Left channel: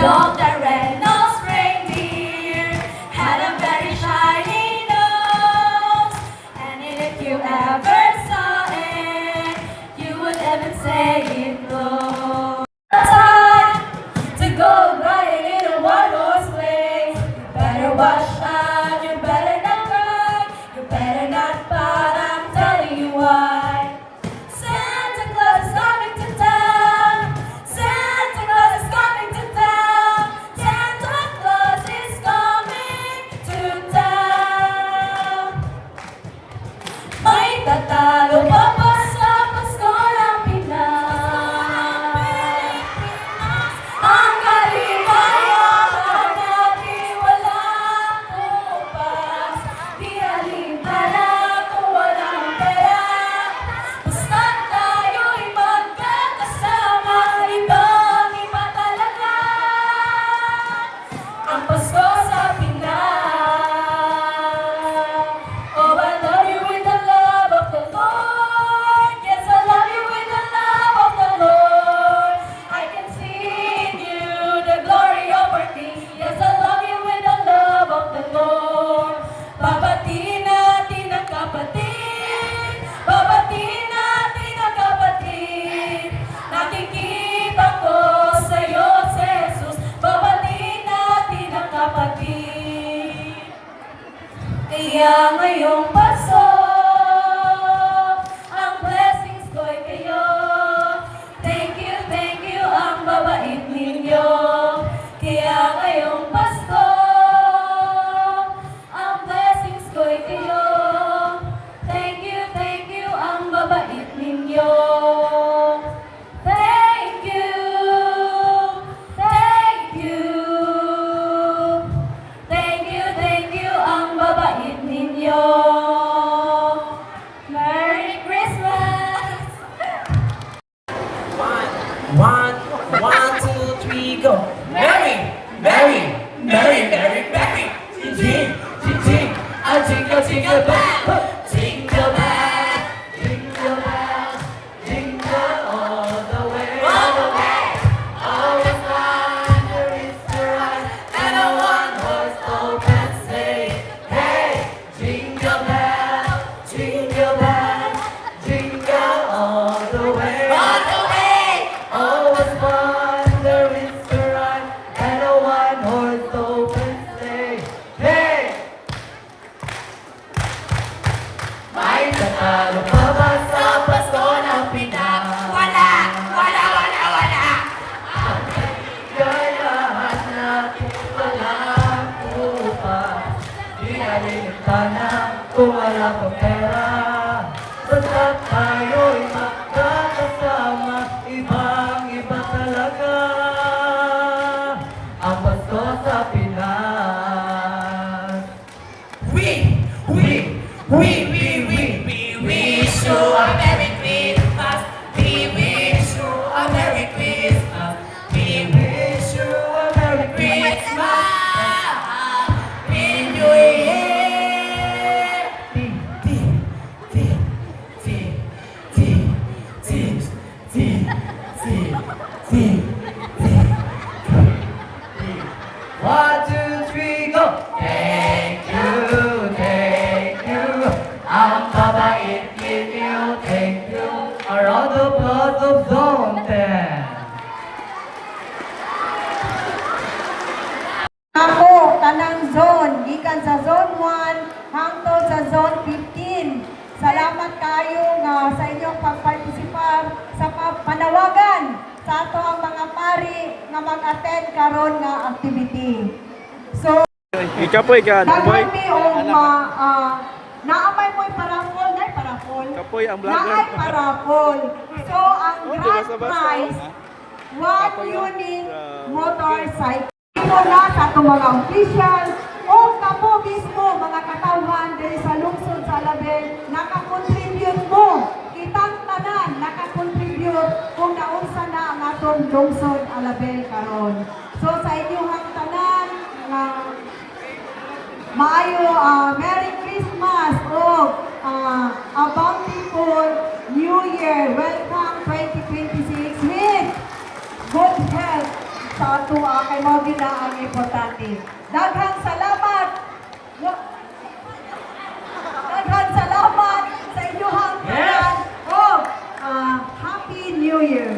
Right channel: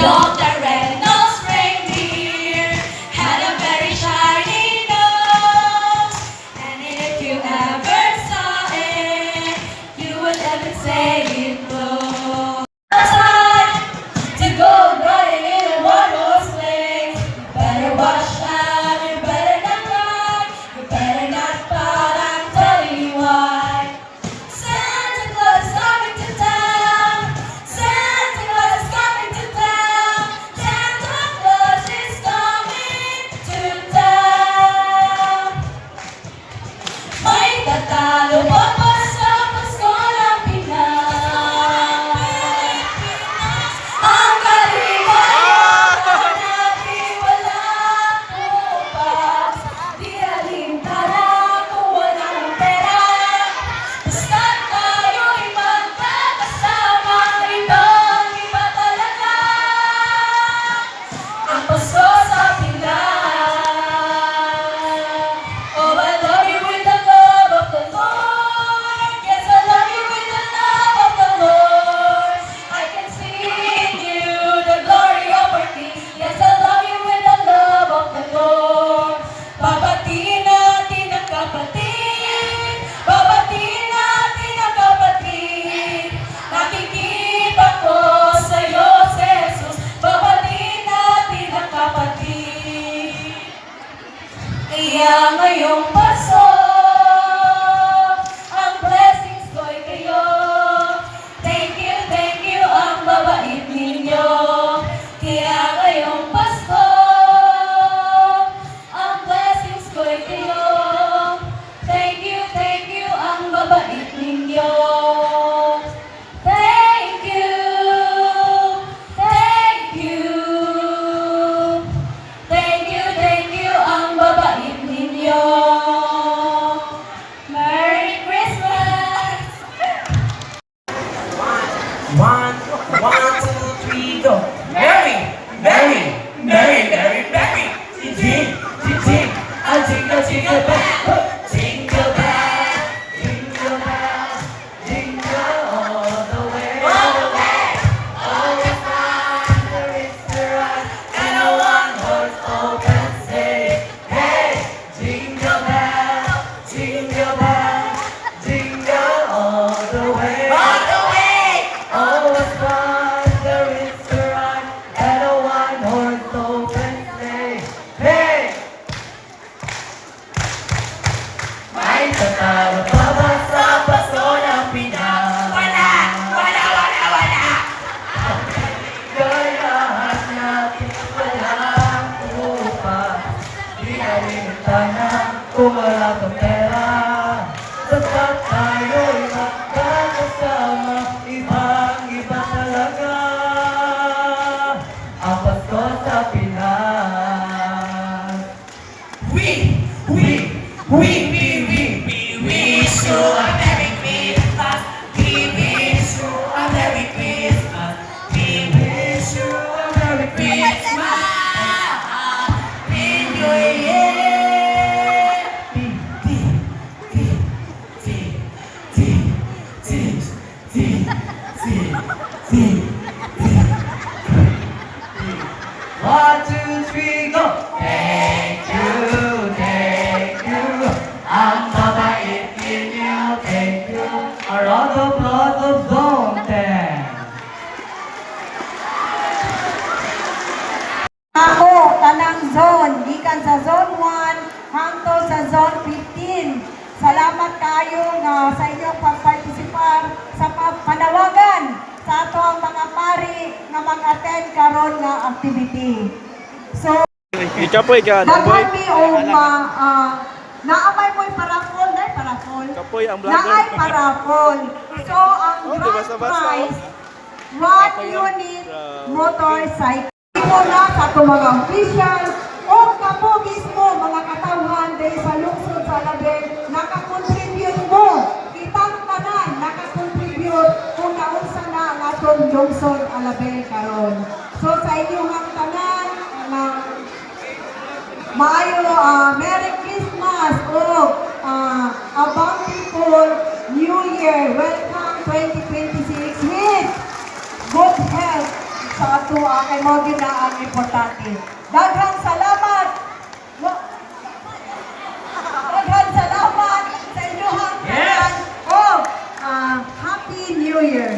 Rudolph the red-nosed reindeer had a very shiny nose, and if you ever saw it, you would even say it glows. Time to go riding in a one-horse sleigh. You better watch out, you better not cry, you better not pout, I'm telling you why. Santa Claus is coming to town. Santa Claus is coming to town. Santa Claus is coming to town. May tatalo pa ba sa Pasko ng Pinas? Ang kaligayahan natin walang bukas. Di alintana kung walang pera. Basta't tayo'y magkakasama, ibang-iba talaga ang Pasko sa Pinas. Oh, I love you with the love of the Lord. Yes, I love you with the love of the Lord. I can see in you the glory of our King. Yes, I love you with the love of the Lord. Babatiin natin ang kapatid. Babatiin natin ang kapatid. Nakikita ko sa'yo, si Jesus. Babatiin natin ang kapatid. Kaya ngayong Pasko, ang blessings ko'y kayo. Thank you, ang babait ninyo. Kaya ngayong Pasko, ang blessings ko'y kayo. Thank you, ang babait ninyo. Thank you, thank you. Thank you, ang babait ninyo. Merry Christmas! One, two, three, go. Merry, merry, merry, merry, merry. Ting, ting, ting, ting. A jingle, jingle bell. Jingle bell, jingle bell, jingle all the way. All the way. Always wonder is the ride, and a one-horse open sleigh. Hey, jingle bell, jingle bell, jingle all the way. All the way. Always wonder is the ride, and a one-horse open sleigh. Hey! May tatalo pa ba sa Pasko ng Pinas? Wala! Kaya lahat natin walang upas. Di alintana kung wala pang pera. Basta tayo'y magkakasama, ibang-iba talaga ang Pasko sa Pinas. We wish you a Merry Christmas. We wish you a Merry Christmas. We wish you a Merry Christmas. In the year. One, two, three, go! Thank you. Ang babait ninyo, thank you. Around the blood of Zone 10. Ako, tanang zone, gikan sa zone 1 hangtod sa zone 15. Salamat kayo nga sa inyong pagpartisipar sa panawagan sa ato ang mga pari nga mag-attend karon nga activity. So, Ikapoy ka, daghan mi og naamay mo'y parapol, nay parapol. Kapoy ang vlogger. Naay parapol. So, ang Oh, di grand basta-basta, prize, 1 unit motorcycle. Muna sa itong mga official o kapo mismo mga katawhan dahil sa lungsod sa Label, nakakontribute mo. Kitang tanan, nakakontribute kung naunsa na ang atong lungsod Alabel karon. So sa inyong tanan, maayo Merry Christmas o a bountiful New Year. Welcome 2026 with good health, sa atua kay mo gina ang importante. Daghang salamat. Daghang salamat sa inyong tanan. Yes. Oh, Happy New Year.